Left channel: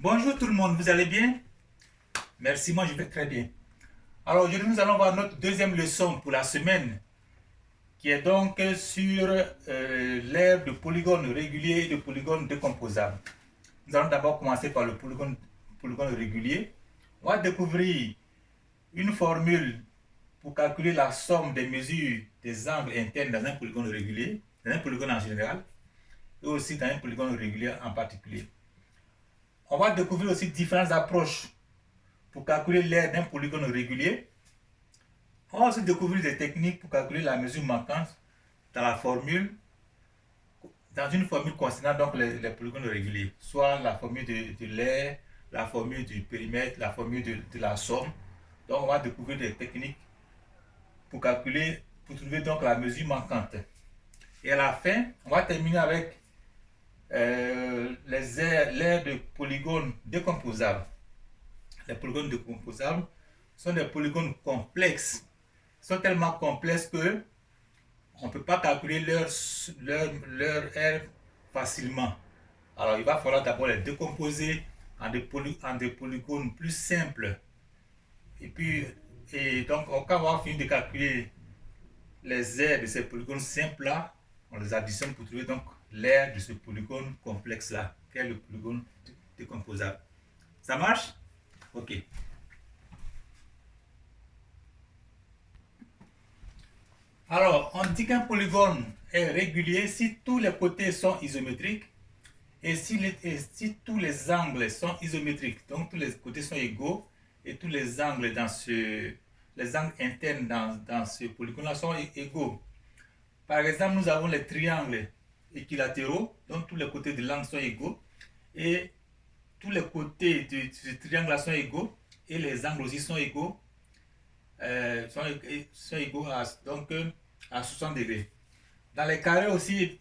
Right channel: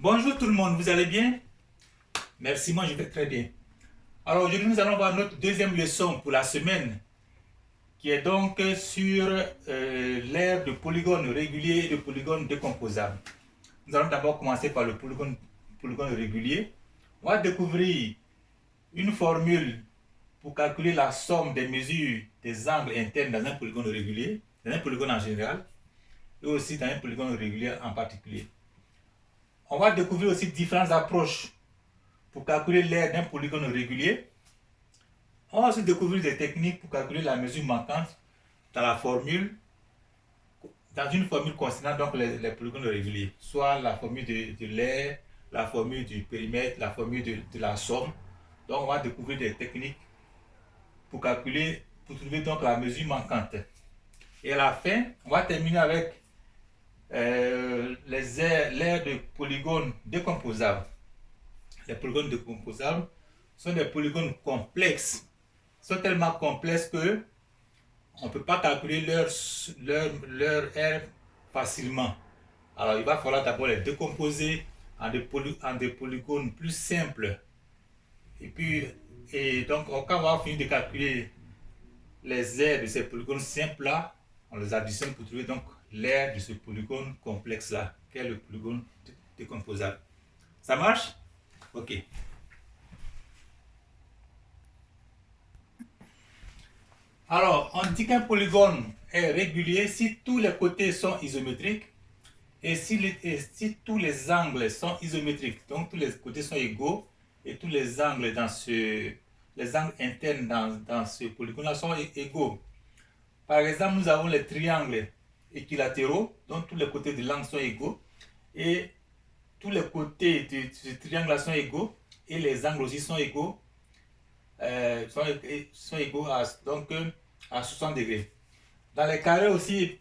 Bonjour tout le monde, vous allez bien? Merci, moi je vais très bien. Alors aujourd'hui nous allons voir notre deuxième leçon pour la semaine qui est donc sur l'aire de polygones réguliers et de polygones décomposables. Nous allons d'abord commencer par le polygone régulier. On va découvrir une formule pour calculer la somme des mesures des angles internes dans un polygone régulier, dans un polygone en général, et aussi dans un polygone régulier en particulier. On va découvrir aussi différentes approches pour calculer l'aire d'un polygone régulier. On va aussi découvrir des techniques pour calculer la mesure manquante dans la formule, dans une formule concernant donc les polygones réguliers, soit la formule de l'aire, la formule du périmètre, la formule de la somme. Donc on va découvrir des techniques pour calculer, pour trouver donc la mesure manquante. Et à la fin, on va terminer avec l'aire de polygones décomposables. Les polygones décomposables sont des polygones complexes, sont tellement complexes que on ne peut pas calculer leur R facilement. Alors il va falloir d'abord les décomposer en des polygones plus simples. Et donc quand on va finir de calculer les aires de ces polygones simples là, on les additionne pour trouver donc l'aire de ce polygone complexe là, qui est le polygone décomposable. Ça marche? Ok. Alors, on dit qu'un polygone est régulier si tous les côtés sont isométriques et si tous les angles sont isométriques. Donc, tous les côtés sont égaux et tous les angles les angles internes dans ce polygone sont égaux. Par exemple, nous avons les triangles équilatéraux, donc tous les côtés de l'angle sont égaux et tous les côtés de ce triangle sont égaux et les angles aussi sont égaux sont égaux à 60 degrés. Dans les carrés aussi,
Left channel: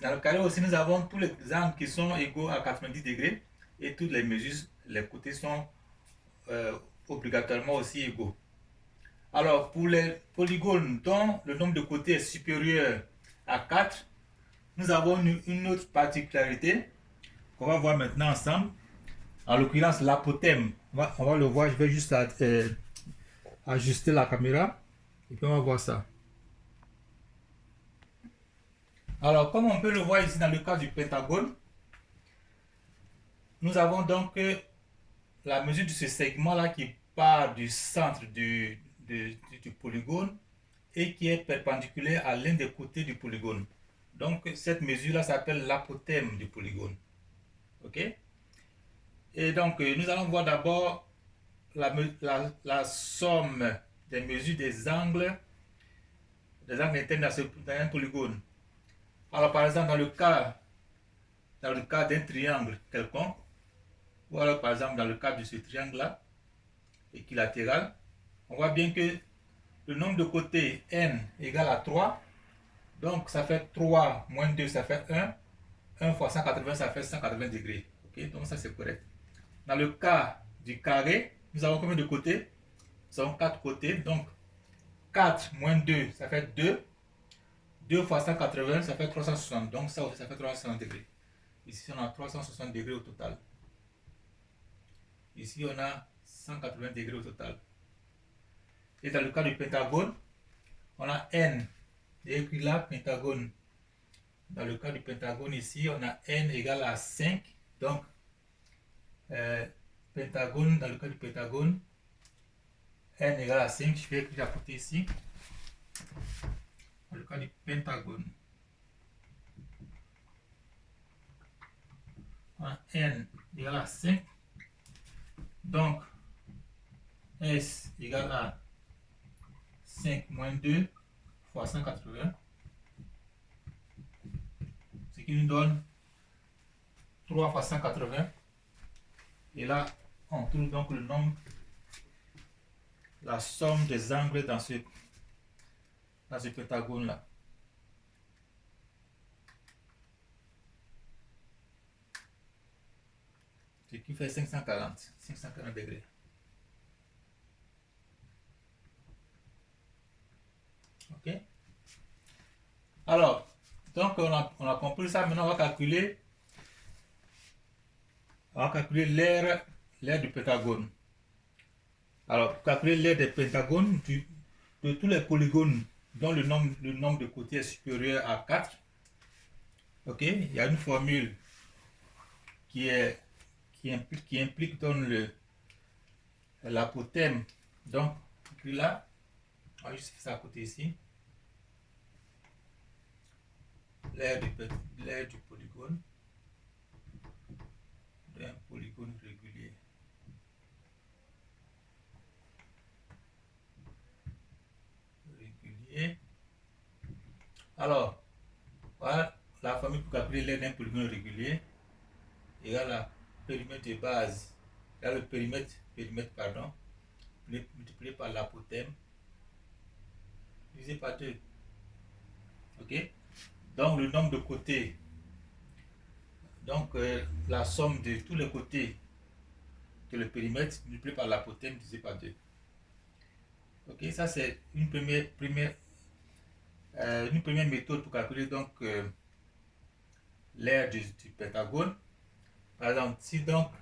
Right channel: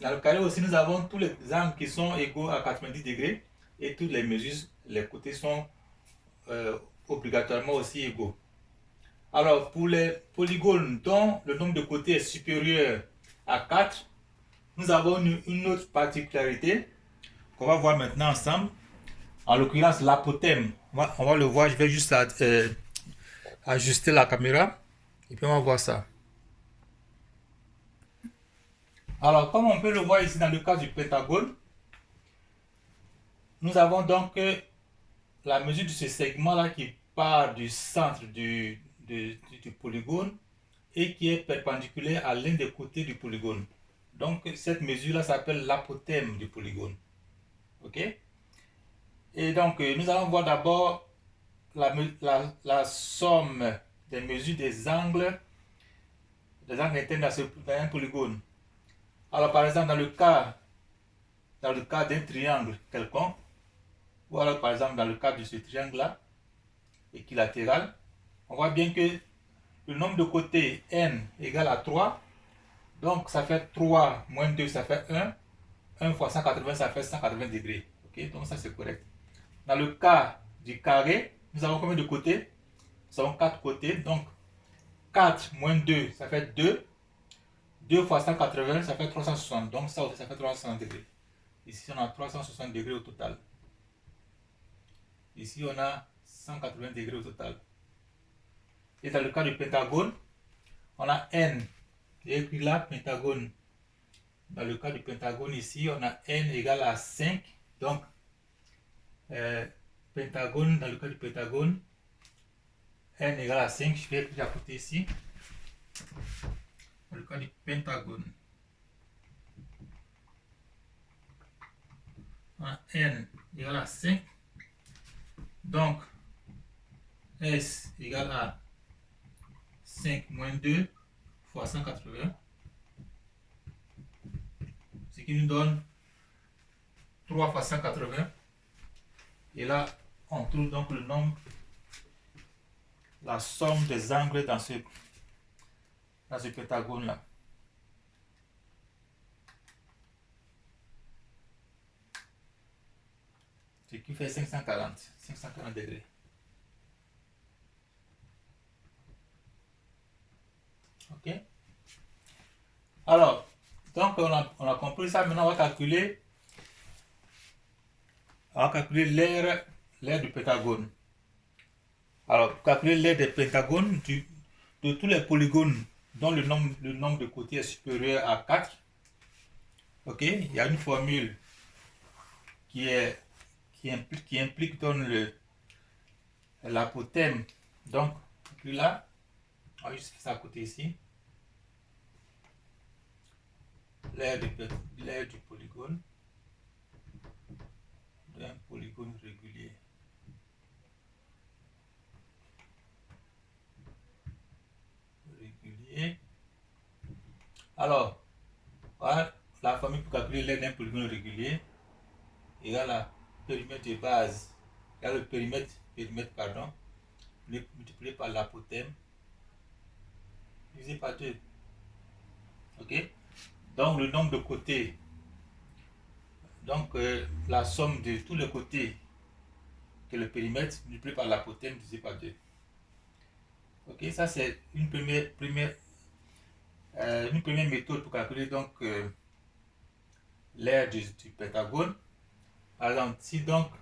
dans le carré aussi, nous avons tous les angles qui sont égaux à 90 degrés et toutes les mesures, les côtés sont obligatoirement aussi égaux. Alors, pour les polygones dont le nombre de côtés est supérieur à 4, nous avons une autre particularité qu'on va voir maintenant ensemble. En l'occurrence, l'apothème. On va le voir, je vais juste ajuster la caméra et puis on va voir ça. Alors, comme on peut le voir ici dans le cas du pentagone, nous avons donc la mesure de ce segment-là qui part du centre du polygone et qui est perpendiculaire à l'un des côtés du polygone. Donc, cette mesure-là s'appelle l'apothème du polygone. OK? Et donc, nous allons voir d'abord la somme des mesures des angles internes dans un polygone. Alors, par exemple, dans le cas d'un triangle quelconque, ou alors par exemple dans le cas de ce triangle-là, équilatéral, on voit bien que le nombre de côtés n égale à 3, donc ça fait 3 moins 2, ça fait 1, 1 fois 180, ça fait 180 degrés. Ok, donc ça c'est correct. Dans le cas du carré, nous avons combien de côtés? Nous avons 4 côtés, donc 4 moins 2, ça fait 2. 2 fois 180, ça fait 360, donc ça aussi ça fait 360 degrés. Ici on a 360 degrés au total. Ici, on a 180 degrés au total. Et dans le cas du pentagone, on a n. Et puis là, pentagone. Dans le cas du pentagone, ici, on a n égale à 5. Donc, pentagone, dans le cas du pentagone, n égale à 5. Je vais écrire à côté ici. Dans le cas du pentagone, on a n égale à 5. Donc, S égale à 5 moins 2 fois 180, ce qui nous donne 3 fois 180. Et là, on trouve donc le nombre, la somme des angles dans ce pentagone-là. Ce qui fait 540 degrés. Ok? Alors, donc on a compris ça. Maintenant, on va calculer On va calculer l'aire du pentagone. Alors, pour calculer l'aire des pentagones, de tous les polygones dont le nombre de côtés est supérieur à 4, ok, il y a une formule qui implique dans l'apothème. Donc, puis là, on va juste faire ça à côté ici. L'aire du polygone, d'un polygone régulier. Alors, voilà la formule pour calculer l'aire d'un polygone régulier égale à périmètre de base, égale le périmètre pardon, multiplié par l'apothème divisé par 2. Ok? Donc le nombre de côtés, donc la somme de tous les côtés de le périmètre multiplié par l'apothème divisé par 2. Ok, ça c'est une première méthode pour calculer donc l'aire du pentagone. Par exemple, si donc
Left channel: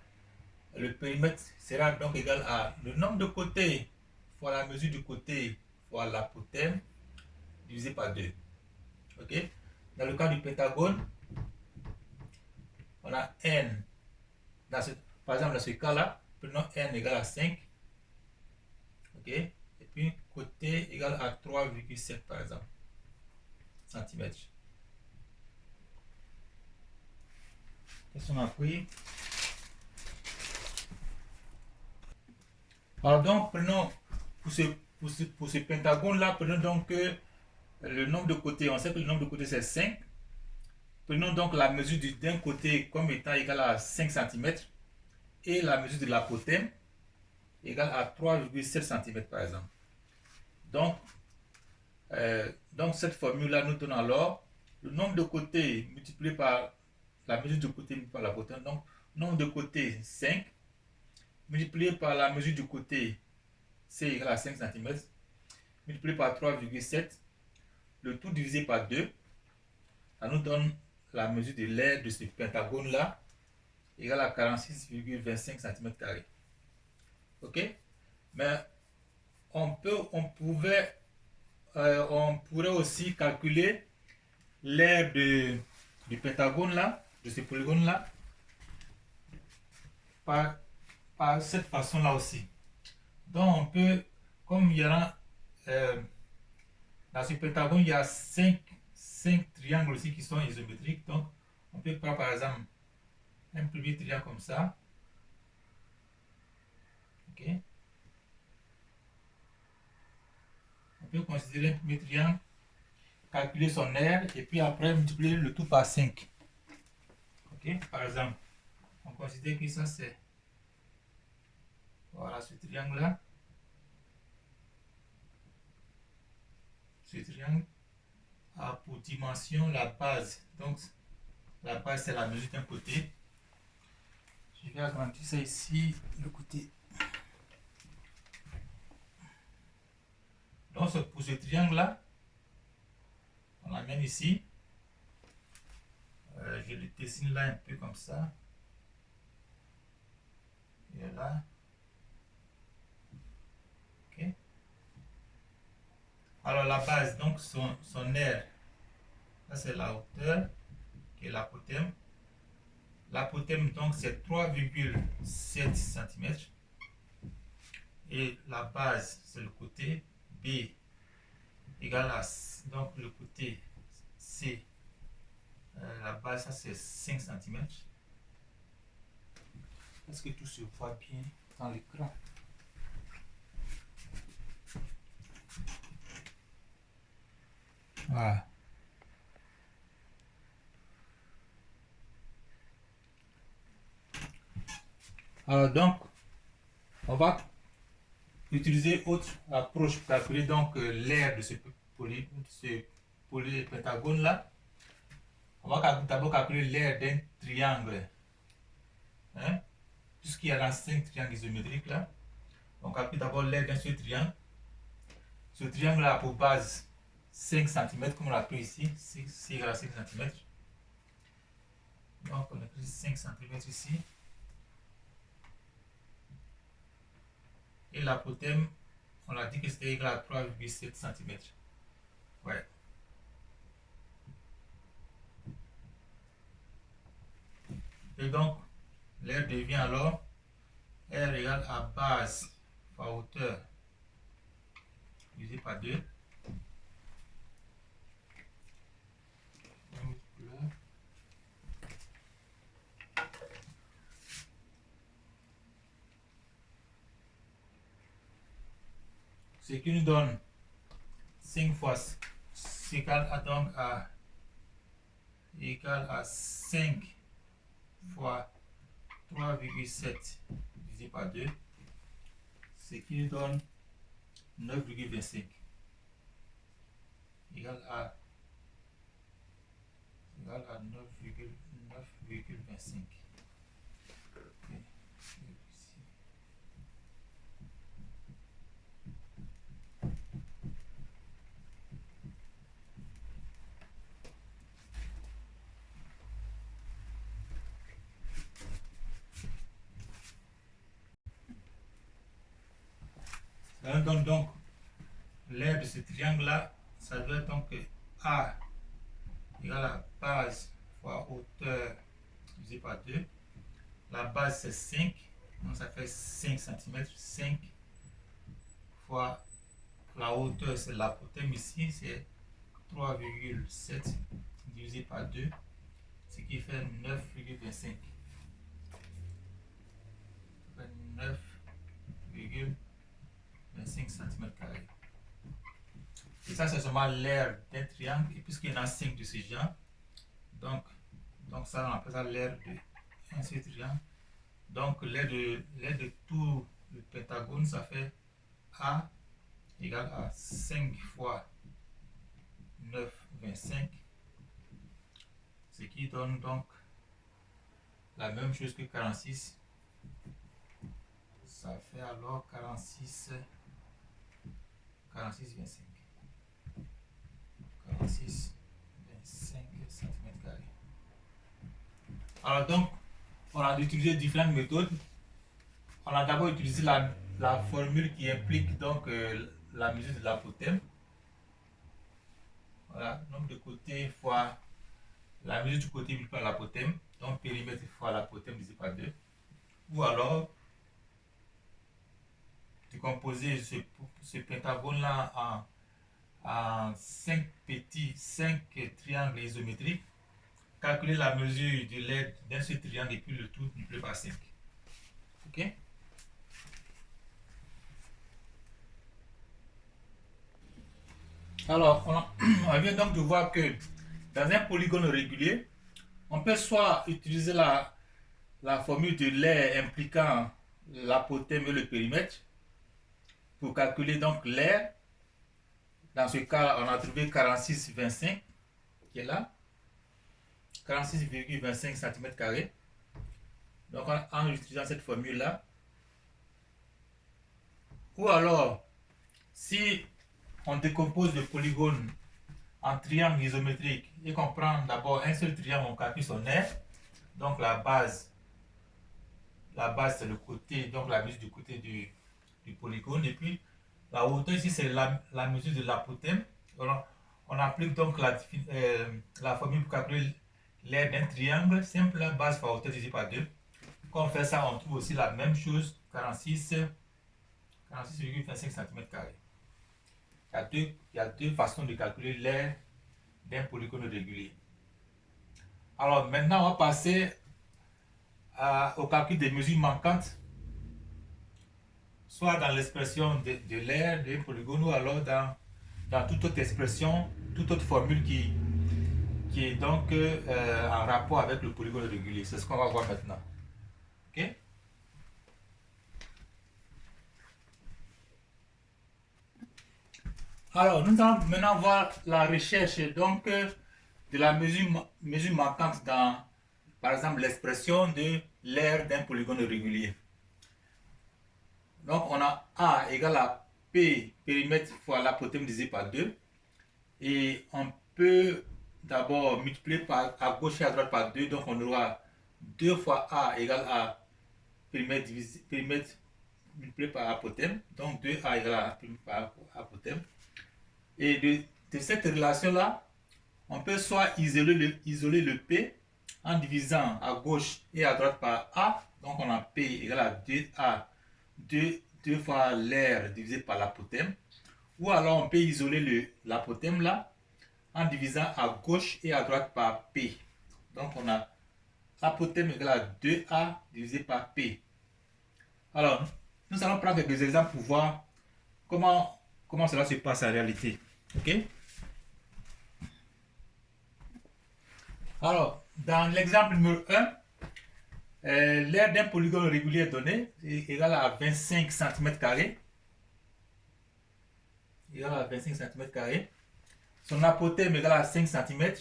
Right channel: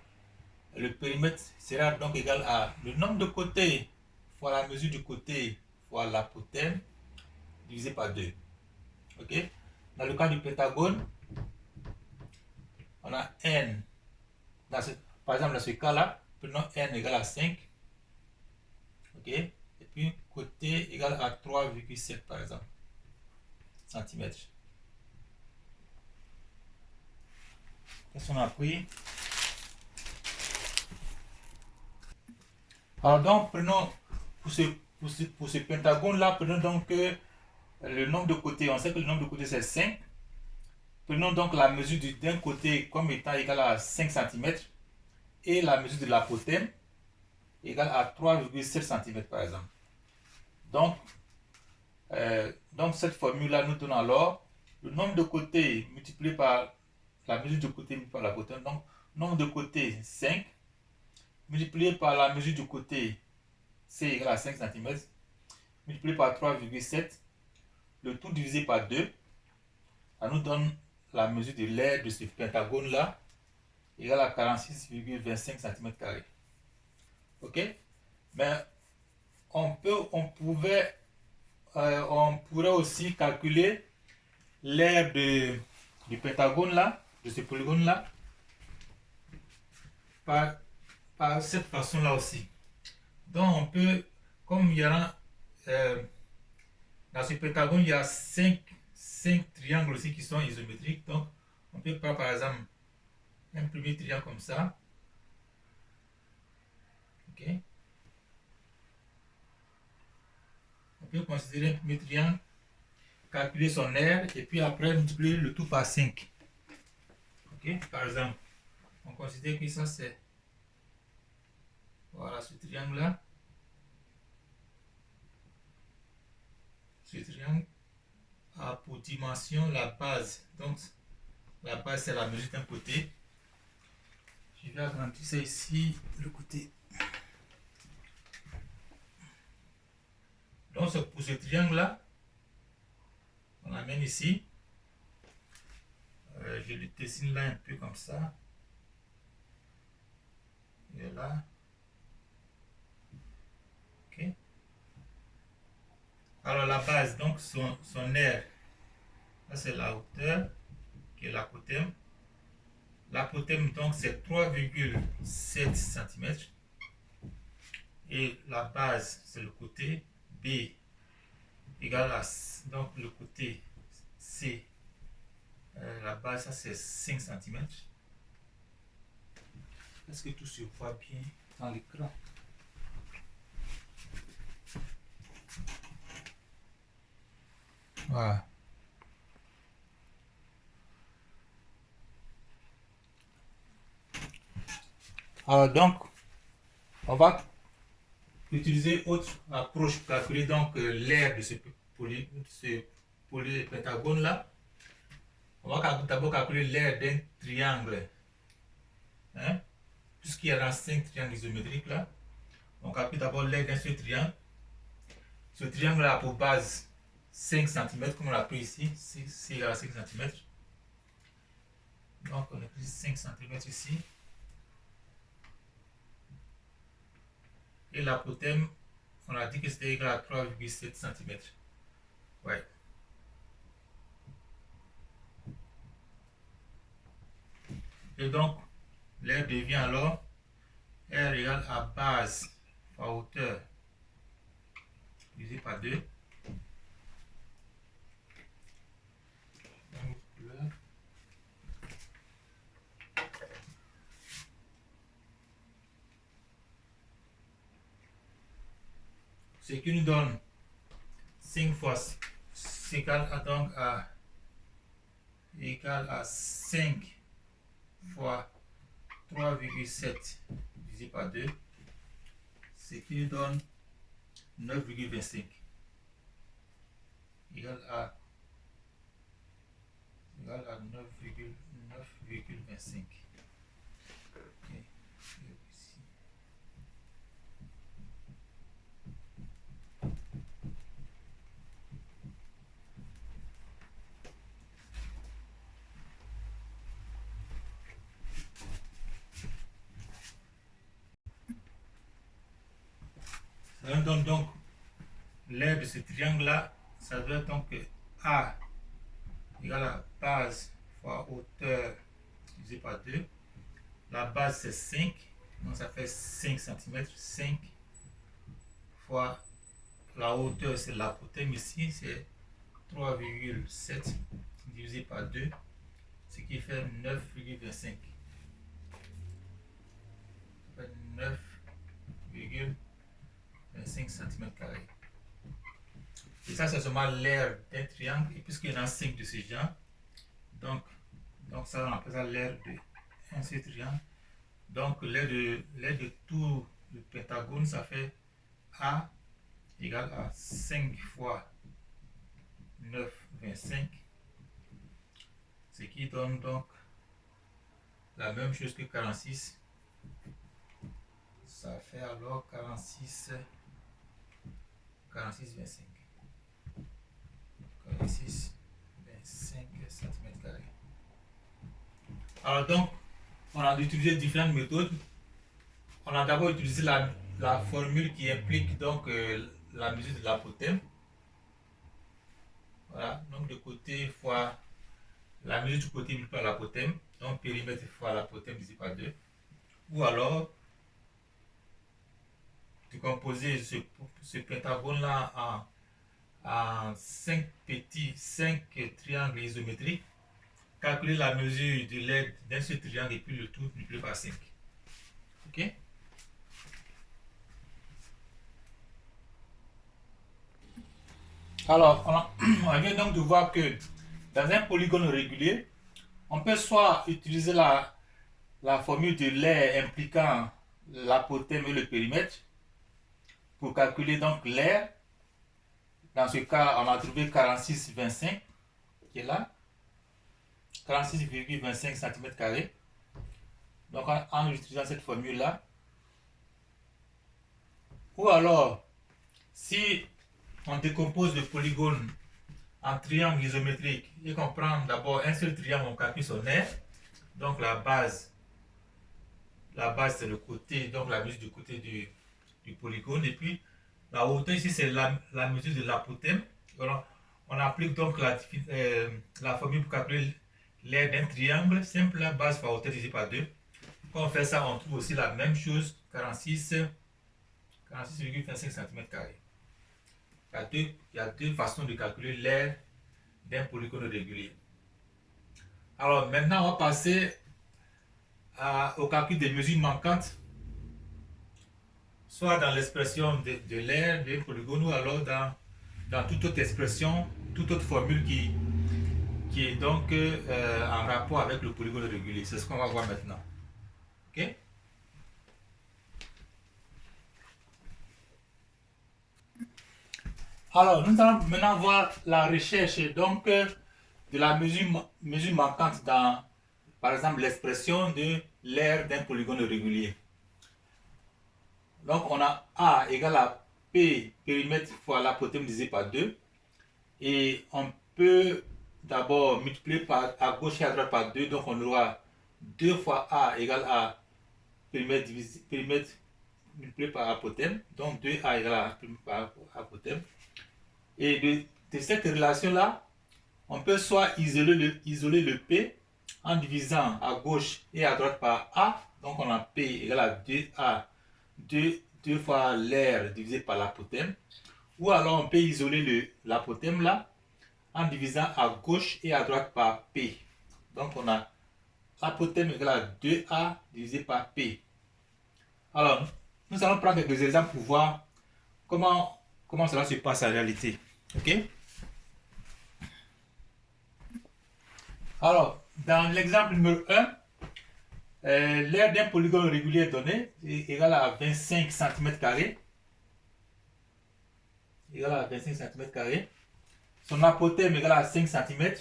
le périmètre sera donc égal à le nombre de côtés fois la mesure du côté fois l'apothème divisé par 2. Ok? Dans le cas du pentagone, on a n. Par exemple, dans ce cas-là, prenons n égale à 5. Ok? Et puis côté égal à 3,7 par exemple. Centimètres. Qu'est-ce qu'on a pris? Alors donc, prenons pour ce pentagone-là, prenons donc le nombre de côtés. On sait que le nombre de côtés c'est 5. Prenons donc la mesure d'un côté comme étant égal à 5 cm et la mesure de l'apothème égale à 3,7 cm par exemple. Donc cette formule-là nous donne alors le nombre de côtés multiplié par la mesure du côté multiplié par l'apothème. Donc nombre de côtés 5 multiplié par la mesure du côté C égale à 5 cm multiplié par 3,7, le tout divisé par 2, ça nous donne la mesure de l'aire de ce pentagone là égale à 46,25 cm². Ok, mais on pourrait aussi calculer l'aire du pentagone là, de ce polygone là, par cette façon là aussi. Donc on peut, comme il y a dans ce pentagone il y a 5 triangles aussi qui sont isométriques, donc on peut prendre par exemple un premier triangle comme ça. Ok, on peut considérer un premier triangle, calculer son aire et puis après multiplier le tout par 5. Ok, par exemple, on considère que ça c'est, voilà, ce triangle là. Ce triangle a pour dimension la base. Donc la base c'est la mesure d'un côté. Je vais agrandir ça ici, le côté. Donc pour ce triangle là, on l'amène ici. Je le dessine là un peu comme ça. Et là. Ok. Alors la base, donc son aire, ça c'est la hauteur, qui est l'apothème. L'apothème donc c'est 3,7 cm. Et la base c'est le côté B égale à, donc le côté C, la base ça c'est 5 cm. Est-ce que tout se voit bien dans l'écran? Voilà. Alors donc, on va utiliser autre approche pour calculer donc l'aire de ce polypentagone là. On va d'abord calculer l'aire d'un triangle. Hein? Puisqu'il y a 5 triangles isométriques là. On calcule d'abord l'aire d'un seul triangle. Ce triangle là a pour base 5 cm, comme on l'a pris ici. C'est égal à 5 cm. Donc on a pris 5 cm ici. Et l'apothème, on a dit que c'était égal à 3,7 cm. Ouais. Et donc, l'air devient alors R égale à base fois hauteur divisé par 2. Ce qui nous donne 5 fois, c'est égal à, donc à 5 fois 3,7 divisé par 2, ce qui nous donne 9,25 égal à 9,25. Okay. Ça nous donne donc l'aire de ce triangle-là, ça doit être donc A égale à base fois hauteur divisé par 2. La base c'est 5, donc ça fait 5 cm. 5 fois la hauteur, c'est l'apothème ici, c'est 3,7 divisé par 2, ce qui fait 9,25. Ça fait 9,25 cm². Et ça, c'est seulement l'aire d'un triangle. Et puisqu'il y en a 5 de ce genre, donc ça, on appelle ça l'aire d'un seul triangle. Donc, l'aire de tout le pentagone, ça fait A égale à 5 fois 9,25. Ce qui donne donc la même chose que 46. Ça fait alors 46,25. 46,25 cm². Alors donc, on a utilisé différentes méthodes. On a d'abord utilisé la formule qui implique donc la mesure de l'apothème. Voilà, donc de côté fois la mesure du côté multiplié par l'apothème, donc périmètre fois l'apothème divisé par 2. Ou alors, de composer ce pentagone-là en 5 triangles isométriques, calculer la mesure de l'aide d'un seul triangle et puis le tout multiplié par 5. Ok? Alors, on vient donc de voir que dans un polygone régulier, on peut soit utiliser la formule de l'aire impliquant l'apothème et le périmètre pour calculer donc l'aire. Dans ce cas, on a trouvé 46,25 qui est là, 46,25 cm². Donc en utilisant cette formule-là, ou alors, si on décompose le polygone en triangle isométrique et qu'on prend d'abord un seul triangle, on calcule son aire. Donc la base c'est le côté, donc la mesure du côté du polygone, et puis la hauteur ici c'est la mesure de l'apothème. On applique donc la formule pour calculer l'aire d'un triangle simple, la base fois hauteur divisé par 2. Quand on fait ça, on trouve aussi la même chose, 46,25 cm². Il y a deux façons de calculer l'aire d'un polygone régulier. Alors maintenant, on va passer au calcul des mesures manquantes, soit dans l'expression de l'aire d'un polygone, ou alors dans toute autre expression, toute autre formule qui est donc en rapport avec le polygone régulier. C'est ce qu'on va voir maintenant. Ok? Alors, nous allons maintenant voir la recherche donc de la mesure manquante dans, par exemple, l'expression de l'aire d'un polygone régulier. Donc, on a A égale à P périmètre fois l'apothème divisé par 2. Et on peut d'abord multiplier à gauche et à droite par 2. Donc, on aura 2 fois A égale à périmètre multiplié par apothème, donc 2A égale à par apothème. Et de cette relation-là, on peut soit isoler le P en divisant à gauche et à droite par A. Donc on a P égale à 2A, 2 fois l'air divisé par l'apothème. Ou alors on peut isoler l'apothème là en divisant à gauche et à droite par P. Donc on a apothème égale à 2A divisé par P. Alors, nous allons prendre quelques exemples pour voir comment cela se passe en réalité. Ok? Alors, dans l'exemple numéro 1, l'aire d'un polygone régulier donné est égal à 25 cm². Égal à 25 cm². Son apothème est égal à 5 cm.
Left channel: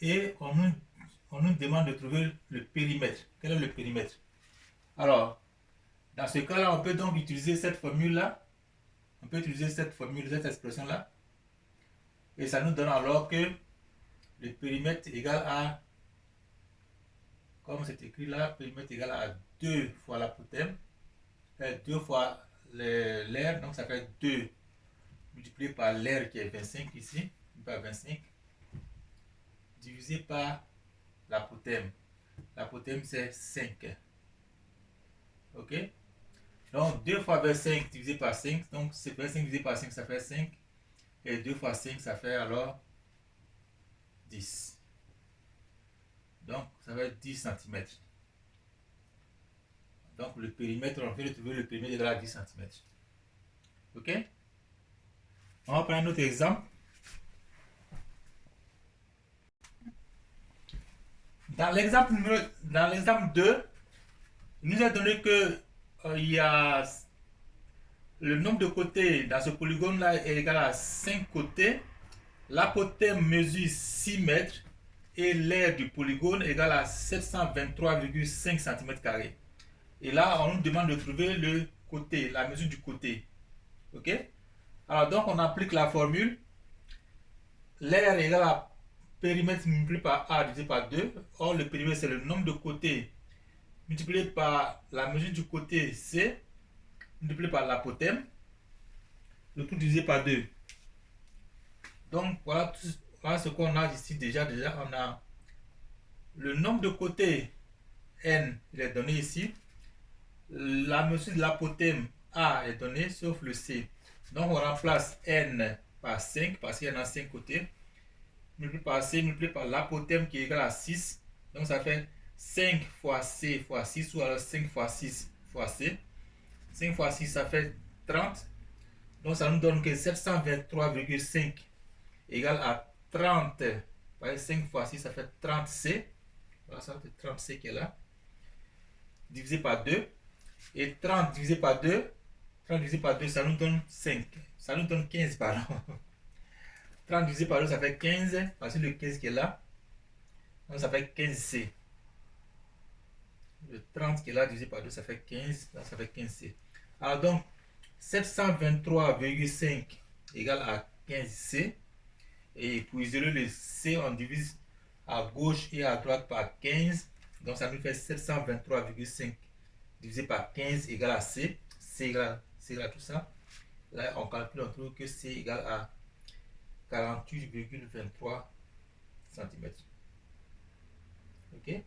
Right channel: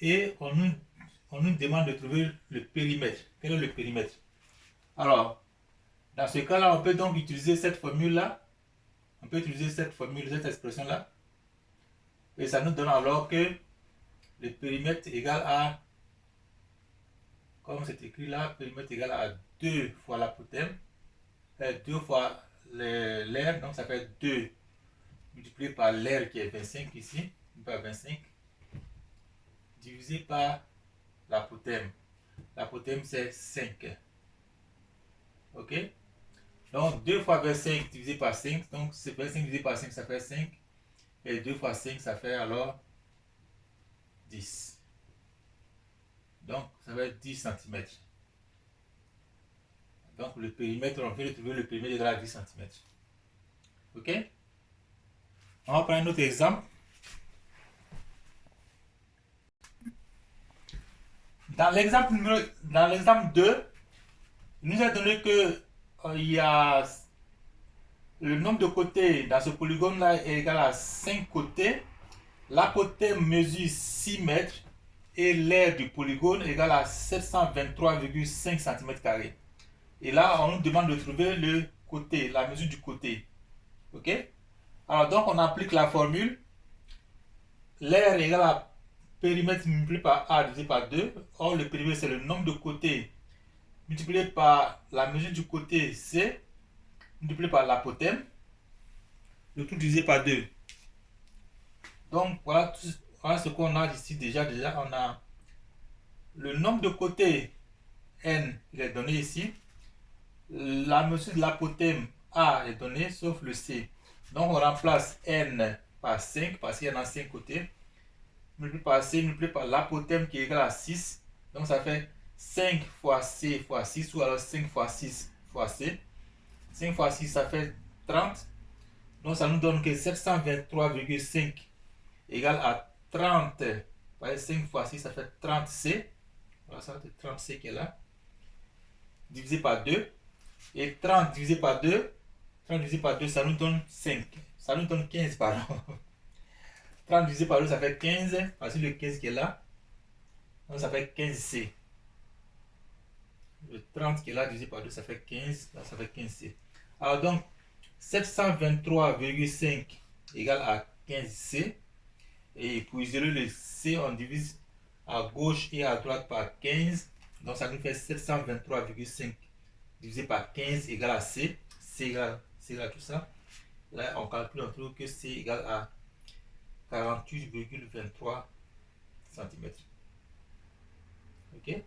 Et on nous demande de trouver le périmètre. Quel est le périmètre? Alors, dans ce cas-là, on peut donc utiliser cette formule-là. On peut utiliser cette formule, cette expression-là. Et ça nous donne alors que le périmètre est égal à, comme c'est écrit là, périmètre est égal à 2 fois l'apothème, 2 fois l'air, donc ça fait 2 multiplié par l'air qui est 25 ici, par 25, divisé par l'apothème. L'apothème c'est 5. Ok? Donc 2 fois 25 divisé par 5, donc c'est 25 divisé par 5, ça fait 5. Et 2 fois 5, ça fait alors 10. Donc ça fait 10 cm. Donc le périmètre, on peut trouver le périmètre égal à 10 cm. Ok? On va prendre un autre exemple. Dans l'exemple 2, il nous a donné que il y a le nombre de côtés dans ce polygone-là est égal à 5 côtés. L'apothème mesure 6 mètres et l'aire du polygone est égal à 723,5 cm². Et là, on nous demande de trouver le côté, la mesure du côté. Ok? Alors, donc, on applique la formule. L'aire est égal à périmètre multiplié par A divisé par 2. Or, le périmètre, c'est le nombre de côtés multiplié par la mesure du côté C, multiplié par l'apothème, le tout divisé par 2. Donc, voilà ce qu'on a ici déjà. On a le nombre de côtés N, il est donné ici. La mesure de l'apothème A est donnée, sauf le C. Donc, on remplace N par 5, parce qu'il y en a 5 côtés. Multiplié par C, multiplié par l'apothème qui est égal à 6. Donc, ça fait 5 fois C fois 6, ou alors 5 fois 6 fois C. 5 fois 6, ça fait 30. Donc, ça nous donne que 723,5 égale à 30. 5 fois 6, ça fait 30C. Voilà, ça fait 30C qui est là. Divisé par 2. Et 30 divisé par 2, 30 divisé par 2, ça nous donne 5. Ça nous donne 15, pardon. 30 divisé par 2, ça fait 15. Voici le 15 qui est là. Donc, ça fait 15C. Le 30 qui est là, divisé par 2, ça fait 15. Donc, ça fait 15C. Alors, donc, 723,5 égale à 15C. Et pour isoler le C, on divise à gauche et à droite par 15. Donc, ça nous fait 723,5 divisé par 15 égale à C. C égale à tout ça. Là, on calcule, on trouve que C égale à 48,23 cm. Ok?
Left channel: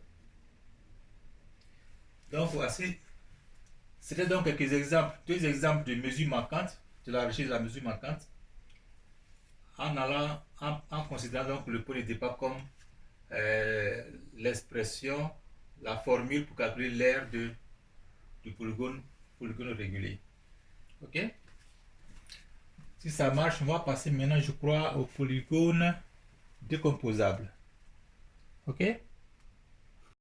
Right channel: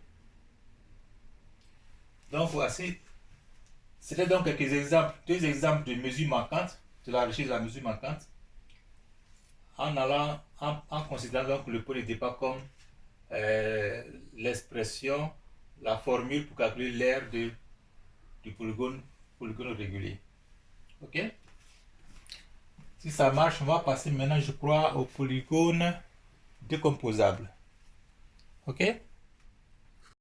Donc, voici. C'était donc quelques exemples, 2 exemples de mesures manquantes, de la recherche de la mesure manquante, en considérant donc le point de départ comme l'expression, la formule pour calculer l'aire du polygone régulier. Ok? Si ça marche, on va passer maintenant, je crois, au polygone décomposable. Ok?